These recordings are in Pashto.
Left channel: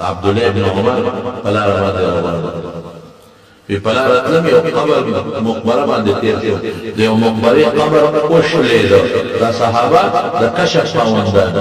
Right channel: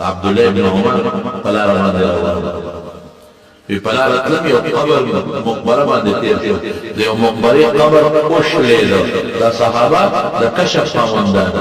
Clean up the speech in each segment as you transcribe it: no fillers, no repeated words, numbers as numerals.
عبدالله ابن عمر پلا باندې روان وی پلا راتلم یو قبر مقبره باندې تیر شو د یو مقبرې قبر وشلېده دا صحابه د کشف خاوندان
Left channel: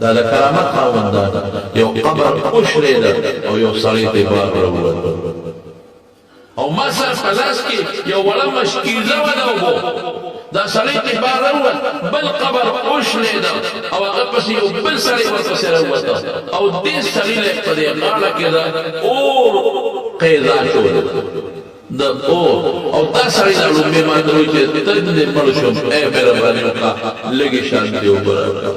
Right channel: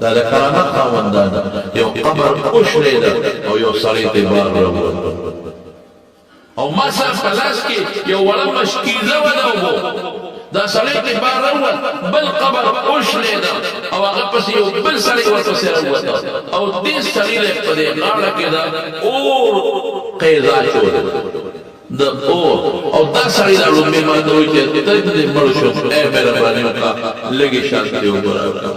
دا د کرامت خاوندان یو قبر وشلېده او یو سړی ته بار راووت او ما سره په لاس کې یو وړه مشکیزه وه د اوبو دا سړی ته بار راووت بل قبر وشلېده او هغه پسې یو بل سړی ورپسې راووته او دې سړي له په دې غاړه کې د اور قیزا شوله د اور او دا سړی دا لومبې ما ته وایي چې ته دې مړ شوم ای مهرباني وکړه لږې شانتې اوبه راکړه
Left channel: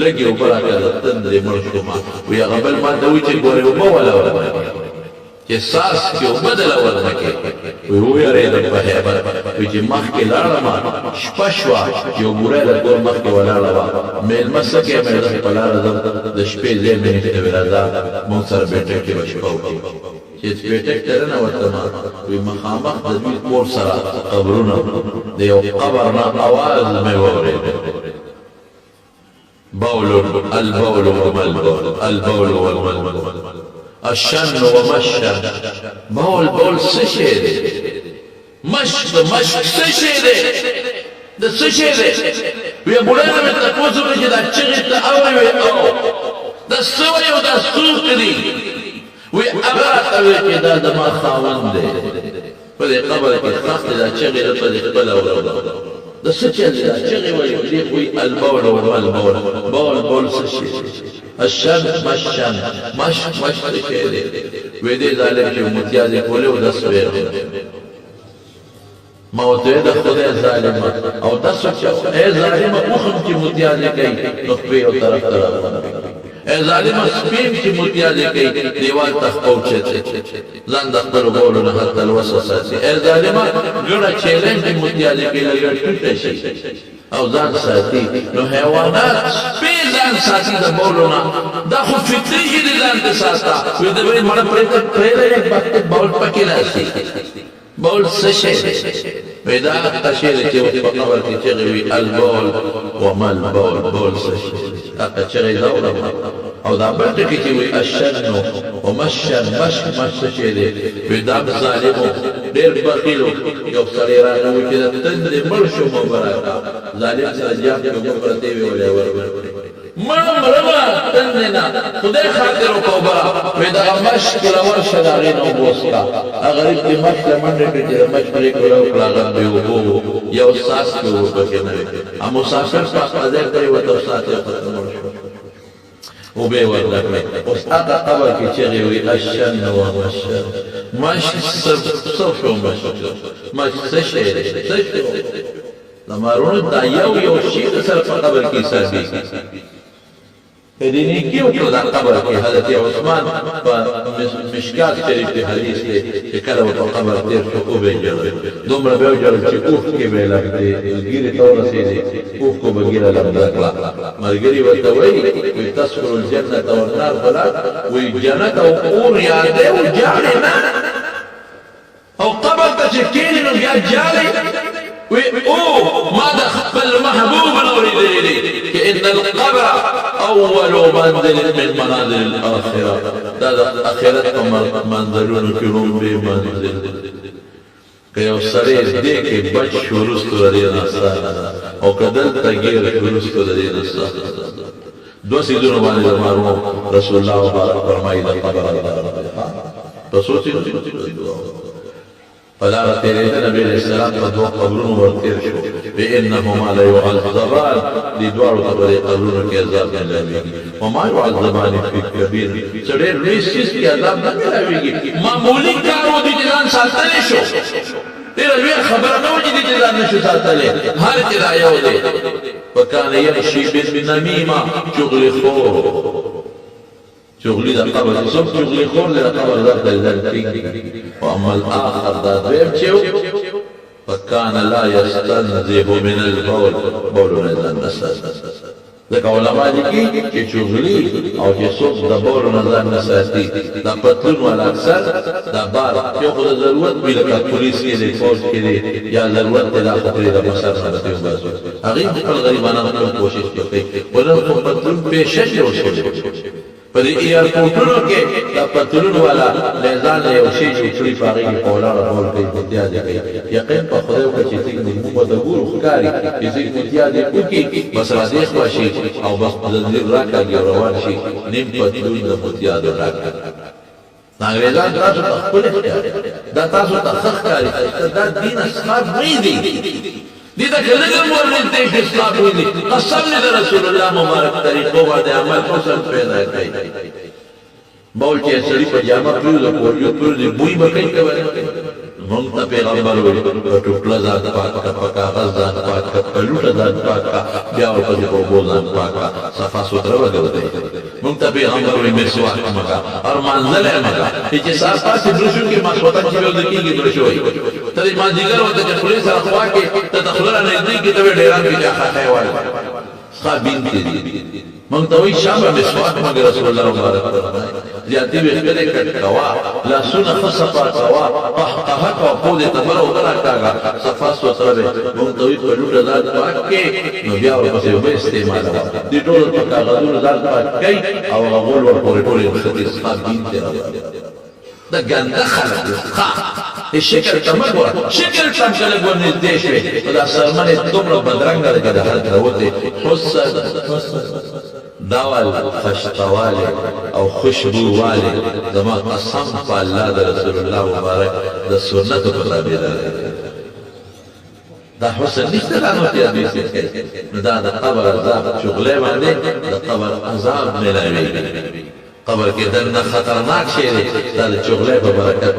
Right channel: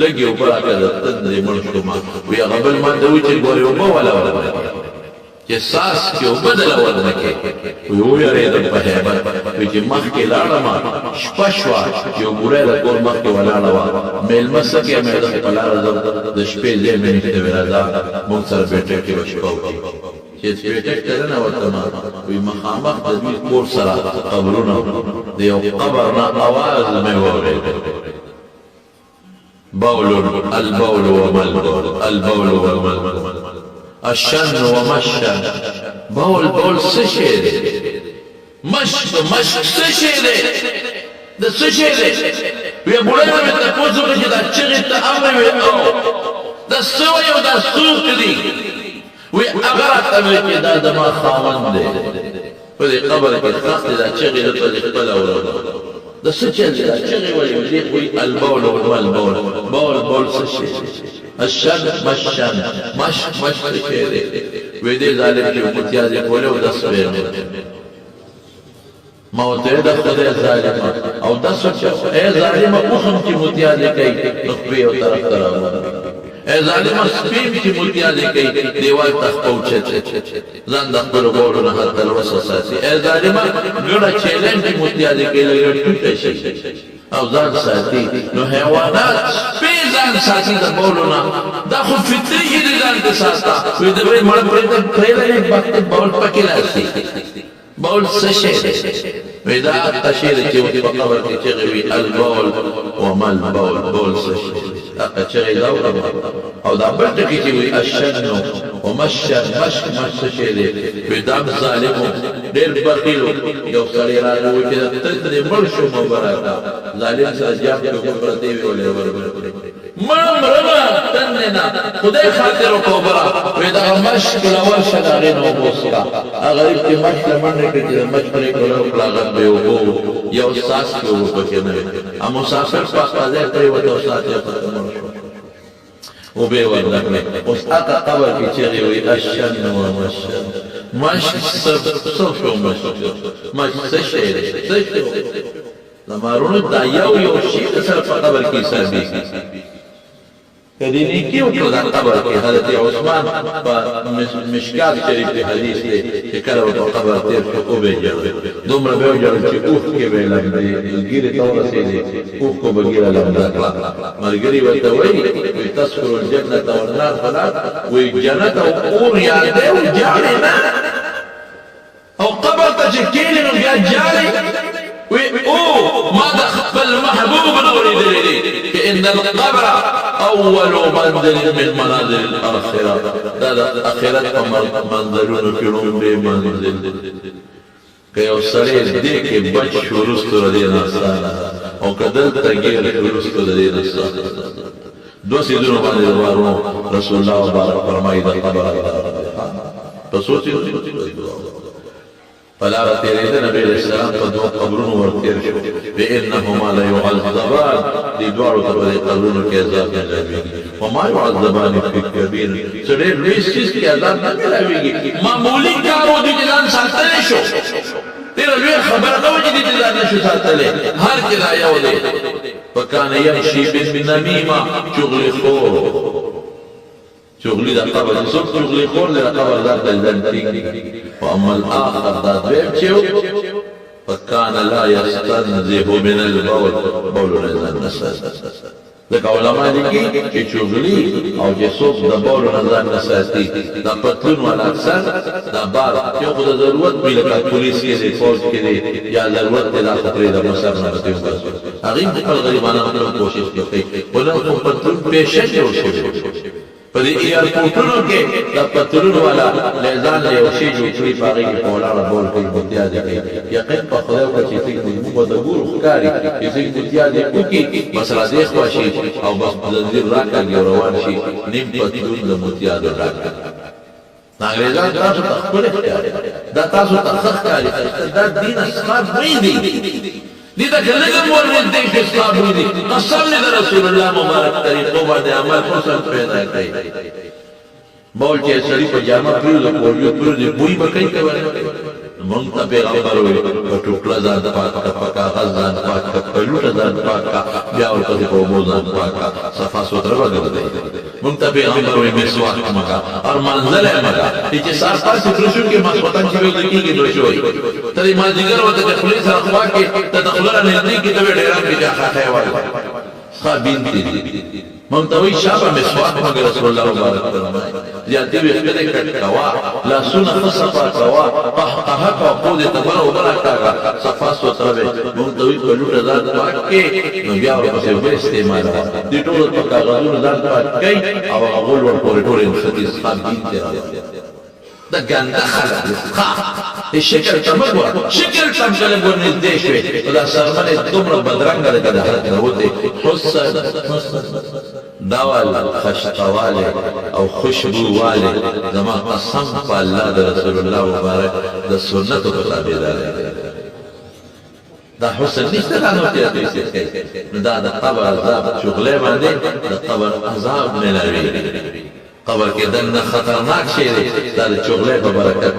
لږې اوبه راکړه ته دې مړ شوم وایي هغه بل ما ته وایي چې ګورې اوبه ولا ورنکړه چې ساس کې اوبه دله ورنکړې وایي ویارېدم په هیبت وایي چې مخکې لاړم شپه شوه یو ګوری د کور مخکې ولاړه وه مېلمه څه کوې مې زه په لاره ځم د شپې ځای مې نشته وایي راځه موږ سره بیټک کې به شپه وکړو چې بیټک ته ننوتم وایي مخامخ د دوی کور سره قبرونه د یو قبر نه اواز مې واورېد بول البول وما البول البول وما البول الشن وما الشن بول بول څه شی دی مشک مشک څه شی دی د څه شی دی ویې بوډۍ نه مې تپوس وکړه چې دا چغې ته اورې وې او دا څه وایي او دا څوک دي وی هغه راته وایي چې دا زما خاوند دی په دې قبر کې ښخ دی دا چغې ده په دې خپله اورېده دا څه چل دی دا چغې ولې دې وایي البول وما البول بول بول څه شی الشن مشن مشک مشک څه شی دی وی دې ظالم چې متیازې کولې او دس ویل ما ورته د خدای ظالمه او دس ای ظالمه اوخم چې متیازې کوي نو خپې یو طرف ته راوړي ای ظالمه سپیم چې متیازې کوي دیوال ته خپوچت ځان د خپلو بولو نه حتی الوسه ساتي ای ظالمه ګړه چیلنج چې متیازې کوي لږ ټوټه شي او ځان ساتي نو حیوانات سپی ځان ساتي د بولو نه دا خو فطري چې دې ځان ته ساته وایي د بل مړه پرېږده نه وخت بول پکې راشي بول څه شی دی وایي دا هغه شی دی چې اوس په قبر کې چغې وي البول وما البول بول څه شی دی هغه چغې دا اورم او دا بل ټکي چې وایي الشن وما الشن مشک مشک څه شی دی وایي دا ظالم ډېر بخیل یو سړی راغی وایي چې ته دې مړ شو مه به راکړه ظالم سره جاب کې اوبه پرتې وې ولې ورکړې مړه مرمه تندې نه خدای خاطر وکړه اوبه را وایي دغه مشک له ورشه د هغې نه اوبه وڅښه هغه غریب چې مشک له منډې کړي چې د مشک پرېکړه وکړه هغه بې اوبه یو ساس کې اوبه پکې نه وې مسافر په هغه ځای پرېوته او ساعت یې ورته مړ شو اوبه یې ورله کړې اوس هغه قبر کې چغې وایي الشن وما الشن مشک څه شو مشک څه شی دی څه شو زمارونو دا یو شي سره په قبر کې حسابېږي کدی نیکی وکړه دا قبر کې حضرت عثمان په مشکات شریف کې حدیث دی چې کله به په قبر تېر شو اوبه ژړل دومره به یې وژړل چې اوښ کې به یې لمدې ګیرې ته ورسېدې اوښ کو به ګیره لمده کړه ملګري ورته وایي تذکر الجنة والنار فلا وایي جنت او اور یادې او جاړې نه او قبر ته چې کښېنې نو بیا جاړې او ما د خپل محبوب اورېدلی دی چې ان القبر اول منزل من منازل الاخره دا د اخرت په منزلونو کې لومړی منزل که یو سړی دې کې بچ شو وروستو د دې نه اسانه او که دلته ګیر شو وروستو د دې نه اسانه دوه څیزونه باندې زمارونو رسول الله مبارک فرمایي د قبر په سوچ فلاره تیرېده نبي علیه السلام په دوه قبرونو ورتېر شو بانهما لیعذبان دې دواړو ته په دې قبرونو کې عذاب میلاویږي وما یعذبان فی کبیر څه ډېر لوی څیز کې عذاب نه میلاویږي معمولي کار و دې ځان ساتلی شو ډېره لویه خبره نه وه چې دې ځان نشو ساتلی هر چې دا یو دی وکان یمشي بالنمیمه چغلي خور چغلی دا قبر څوک چغلی خور دی دا قبر در ته ځان ټینګ واما الاخر دا دویم چې فکان لا یستنزه من البول بول نه ځان نه ساتي ځکه علما لیکي چې چغلی او چې څوک د بول نه ځان نه ساتي دا پتلون والا اکثر دا بار یو خو د ضرورت وي لکه پولیس کې دی فوج کې دی یا ضرورت دی دا خطرې د مسر نه بچي وباسي هغې خپل غریبانه خپل کوشش کوي ولې خو پتلون پیشه جوړ شوی په دې ایرپورټونو کې د پتلون والا لیزان له یو شی جوړ کړي په هغې کې په ولاړه بول کوي متیازې کوي یقین په خدای وکړه چې څنګه موږ به د ګورو ښکاري چې څنګه متیازې وکړي بس را دې خوا شي او بس زنځیر راکاږي او روان شي نیم پتلون د متیازو ډک انګریزان تاسو ته ښکلی ښکاري دا تاسو ته ښه ښکاري دا دین اصحاب بوی دی دې ته که لږ هم ورنږدې شي اصحاب بوی دی قسم دې د رسول الله مبارک طریقو باندې عمل حسن پیدا کوي بول چې سړي په جامه پرېږده پولیو پرېږدي بوی به کوي که به نه کوي مونږ ته پیغمبر وایي په ټوکله ځان پاک کړه په کاغذ ځان پاک کړه په لوټه ځان پاک کړه بیا ورپسې په اوبو ځان پاک کړه صفا سوتره به ګرځئ مونږ ته پیغمبر وایي مسواک مه کوه اور مانځلی مه کوه چې سهار پاسې برشو کې ماسخوتن چې بیا کېږي برشو وایي ته د مازدیګر ورته چې خولې سره خوا کې ته د خوله را نږدې کړي ته به ډېران کې چا خاښی وایي ښه بینتې دي مونږ ته وایي شابه مسواک مګر رسول الله مبارک فرمایي زیاتې ویښته دې کټ کوه لاسونه ښه صفا کوه قهقهه کوه پو دې ته بره اوبه راکاږه صفا سوتره به مونږ ته وایي په لوټه ځان پاک کې نو بیا ورپسې اوبه استعمالوه دې ټولو په کاغذونو ځان پاک کوي او هغه غول ورپورې ټول نښتي څښا دین دی دا ګنده خلک دي شکل ته مه ګوره شکل ته هم که لږ ورنږدې شوې نو دا سرمنې دومره بدرنګه ده که د حد نه وتې حسن دول خشتواله او خوشبو واله زما قسم په الله د رسول الله مبارک د سنتو په تابعدارۍ دا حسن نشته دا نو چې حدیث کوي نو دا د قبر عذاب چغلې باندې د قبر عذاب ملاویږي قبر کې دننه خطرناک شی دی دا د چغلې په برکت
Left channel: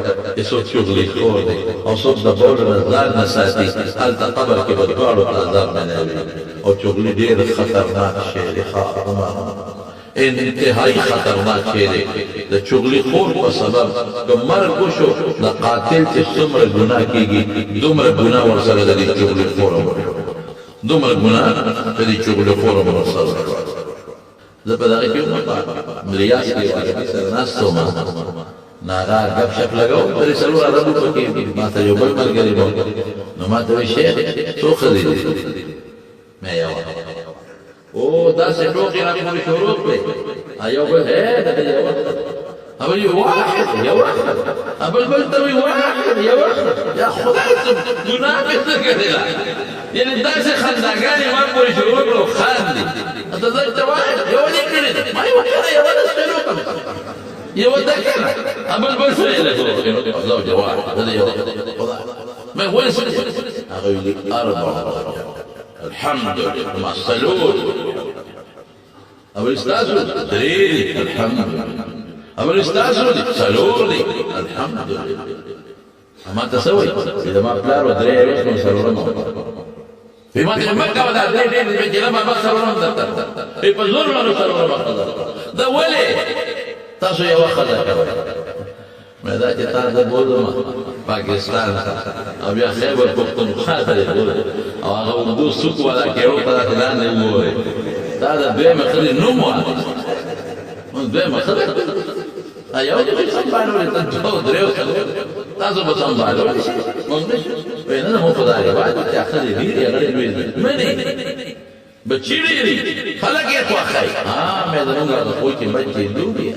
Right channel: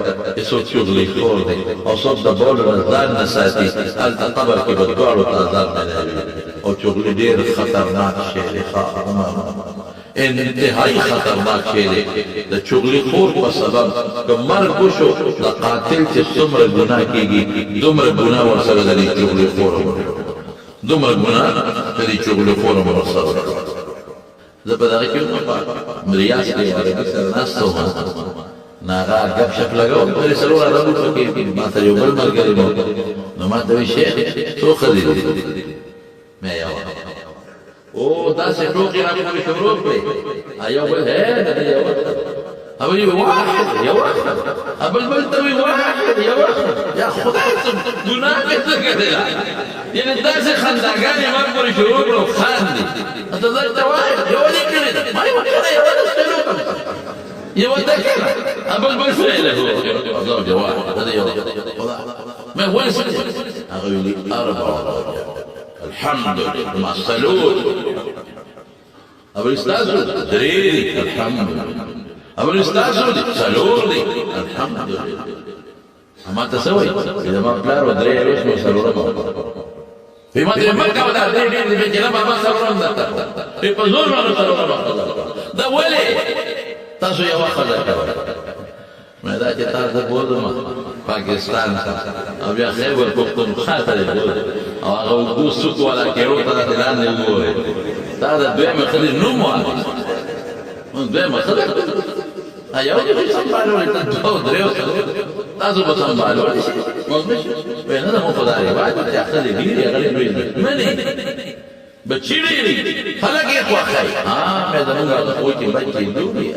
څوک چغلې خور دی او څوک د بولو نه ځان نه ساتي هلته قبر کې به دواړو ته عذاب ملاویږي او چغلې ډېر خطرناک شی دی انتهایی خطرناک شی دی د چغلې خور په سبب که مرګ وشو د قاتل چې څومره ګناه کېږي دومره ګناه ورسره د دې چغلې خور دومره ګناه د دې چغلې خور ورسره زه په دغه کې وم په ریاض کې عربي سره ناست وم نو هغه ګپ شپ لګاو درې څلور عربو پکې ما ته یو بل ملګری و نو ما ته وایي شیخ څو ښځې دي مې یوه او داسې ټوکې راپورې شروع کړې یو بل هی د دې یوه هغه وایي واحد یوه بل بل ته وایي واحد یوه یا خدای ته ګناه مې څه کړې یعنی داسې خنداګانې ما پورې شروع کړو خاندي ته زه ته واحد یوه دې کړې ده ما یې وکړه یوه داسې لوکم یوه ده کنه بل بل څه یې لګو زوج واحد هذا یوه خدا ما ولې څه هغه ویلي اربعه الحمد لله مع الصلوات ابل استاذو دري الحمد لله ابل استاذو صلوات الحمد لله اما تسوي اذا ما بلار ودري روش نو سلورم په ما دې مرکه ودا درې دې جنا بابا سلورم درته په زور باندې سلورم دا ولې تاسو یو خزه کوي مې دا چې تاسو بولم پاکستان او بیا خیبر پختونخوا ته بول او هغه وګو سوق والا کېرو ته اعلان نه وره دا د دویمه خدي نو مو دویمه خدي ایو دې سمبالول ته دوه درو تاسو به سمبالول مونږ نه نه مو خدای وایي چې خدي ډیره غړي لوي منه بچی ډیری خلک یې خوښي مې زمونږ د خوې کې بچي دوی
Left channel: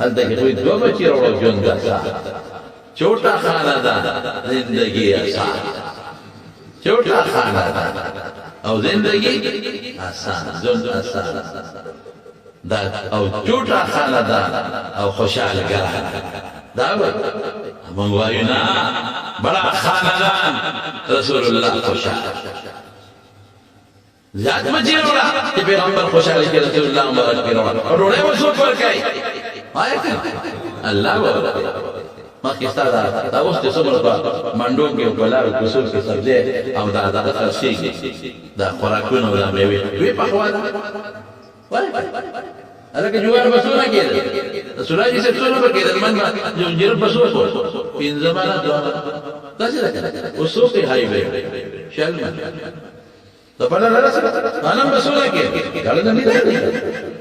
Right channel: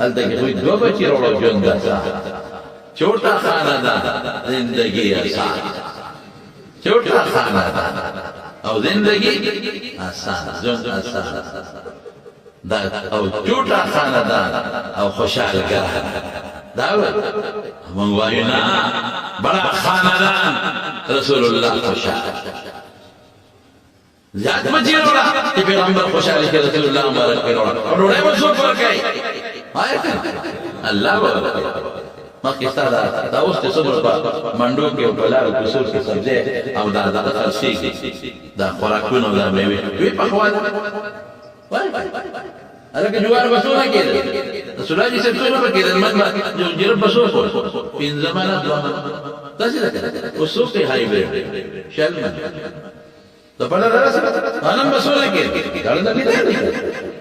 هلته کې کوئی دو بچی راوړو ژوند آسان چھوٹا خاندان زندگی آسان چھوٹا خاندان او زندگی آسان ژوند آسان دا او چھوٹا خاندان او خوشحال ګران دا وایي موږ وایو نه بڑا خاندان رسول الله خوشحال زیاد بچی راوړه چې پیغمبر خوشحالي کې رسول الله مبارک کې راوړه او ډوډۍ به څوک ورکوي الله به مخکې ستا دا اوس چې څومره په منډو کې او په لارو کوڅو کې سبزی او دا دغه خرڅېږي دا خوراکونه او دا مېوې دوی پخوا ده هلکه جوار به څونه کېدل رسول الله صاحب څونه به کېدل من به جرب به څو خور پنځه منه دوه منه داسې ده که اوس څو کې هایبرډ شل منه د پله راسره انم بسونه کې غاړه نه لیدل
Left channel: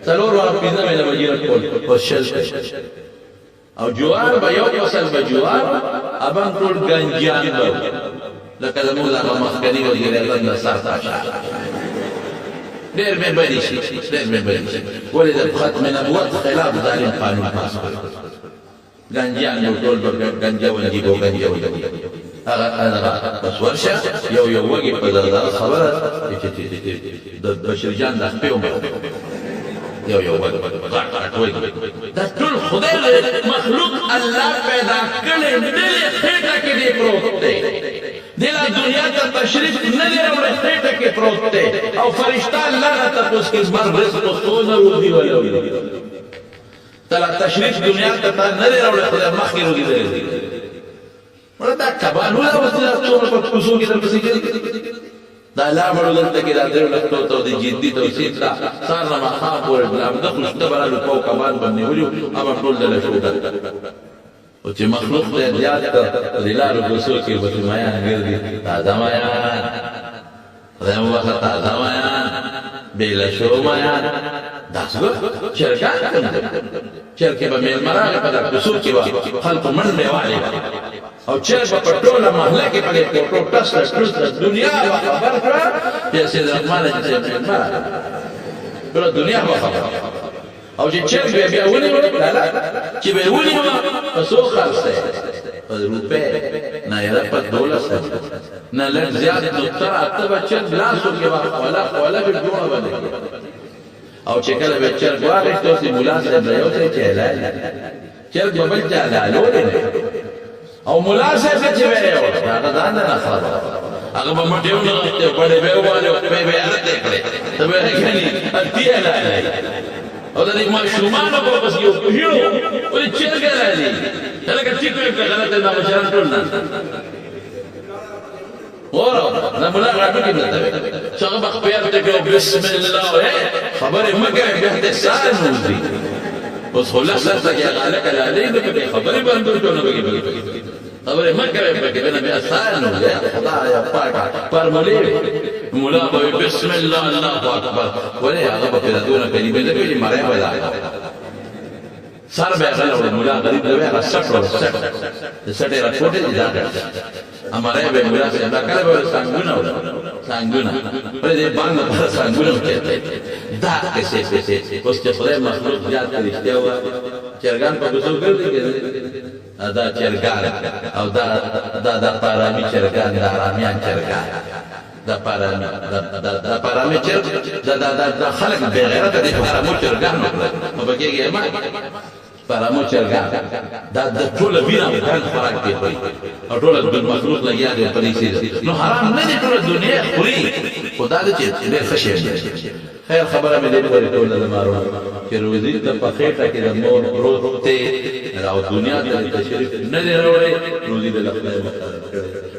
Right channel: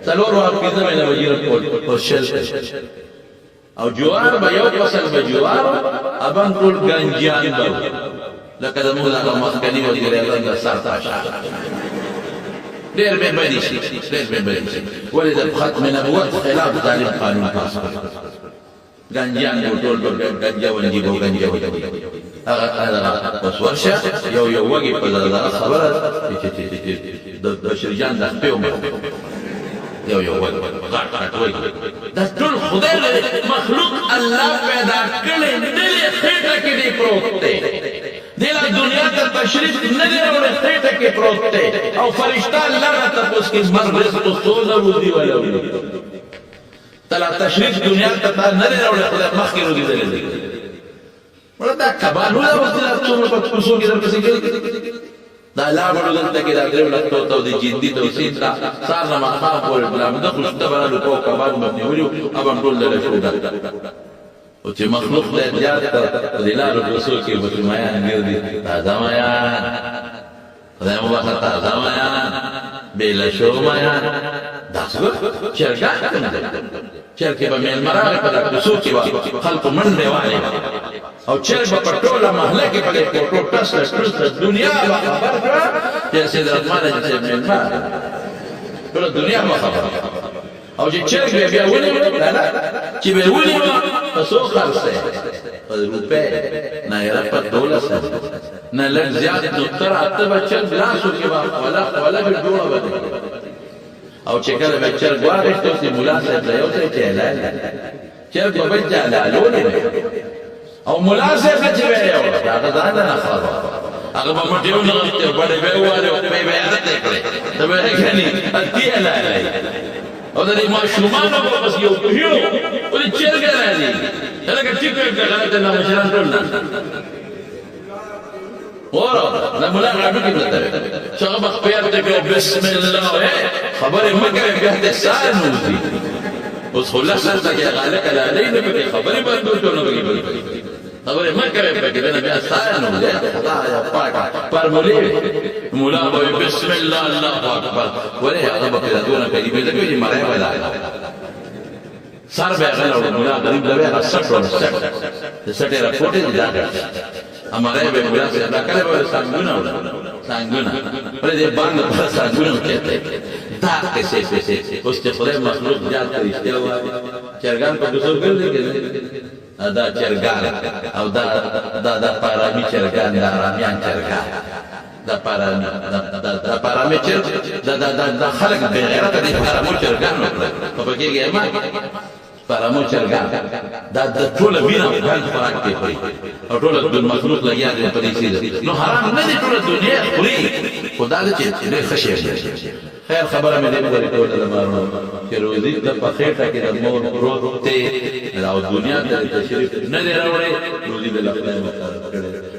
څلور واره پنځه مینه وجیره کول او شل او جوار به یو فصل به جوار ابان ټول گنجان به لکه زموږ هغه مخکني وزیر اعظم د سرتاج ډېر مې بدي شي ډېر مې بدي شي ولې د ختم نبوت خلاف ظالم قانون پاس کړ ګنجیان به ټول به ګنجا ونجي به ګنجا ونجي هغه بس ورشه یو وږي په خبره د بشیر جان د خپې عمر یو وږي غټ وږي دا ټول خدای مخلوق الله پیدا کړي دلې خېټه کې دی پروت دی دلا دنیا ته تشریف نه دی راوړی خېټه کې پروت دی او فرشتہ الله را تپوس کې مر رزق سونه روزي ولولي تلا تشریف دنیا ته نه دی راوړی خدای مخکې روزي دی ولا دا کبانو دا وځي څومره په کوڅو کې درپسې کوي دا لا بڑو دلته کې دا درو لختو ته د جدي توسيط را سار نه مخام پورې بلا مده خوشته برالو په کبان باندې ولي ابم ټول له شو دا او چې مخلوق ته یاد ته د لارو کوڅو کې وته میان ګرځي تازه میان خدای مو وخت تازه میان بلا شو میان دا څه چرګان کوم چرګ به مل مراغه په کوڅو کې خلق منډه والي او چرګ په ټوله محله کې په کوټو ټس دنیا به خبر کړه چې سید رحمان چې مل مراغه ټول دنیا به خبر او چې چرګ بیا ونیو لا چې به ونیو په سو خرڅه په روپے نه یې په $12 نه لږ زیات نو تر اته بچل لاسو کې ولا جوړه باندې او چې کله به چرګ واغښتو سي مولا صاحب یو څه چلای چرګ به بل چلالو او مولا صاحب چې به یو هغه ځان نه خبره هغه به مټیو نه غته بڑے به والو په به ارته کړي ته به غني اتیا لای او دا ما شومان په بس یو ولې چرګ لای هغه ټیک غلطه نه مشران ټول نه ورا لا مولا غابي کې بلته څنګه بخ پیر ته کو بسم الله خبره مکه به د سانوزي اوس خلاص ته کې غالک لاله نه په خبره باندې ټول نه بګي خبره مکه به کې نه بیا سانوزي خدای پاک پر مولا به بسم الله الله اکبر ولې هغه په دونه کلمې ده چې مړای بلا سر به غلو مولا غریب لوي هغه سټ را کوټه دي دا हमारे बे मुला से अल्लाह करे बे सांगुना बोले दे बांग पर सांगुना कहते दा कैसे उस खुदा मखलूक जात के रिश्ते हुआ चरगान पर गुस्सा कर दे दा चरगान او دا पारामी चरगान दा रामियान चरगान دا पारामी चरग دا خلق بے غیرت دي پارامو چرګان نو پکېږي ما پارامو چرګان دا ټول وینا ځان خوراک کې کوي او ټول د مخلوق لګیا دي په دې سیده نو حرام نه دي ټول دنیا خوري خدا دې چې ډېر خشه خیر خبره مې دې پورې ټول د مارو چې روزي ته په خېټه کې د مور پروت ته او دنیا ته تشریف نه دی راوړي روزي د لخت نه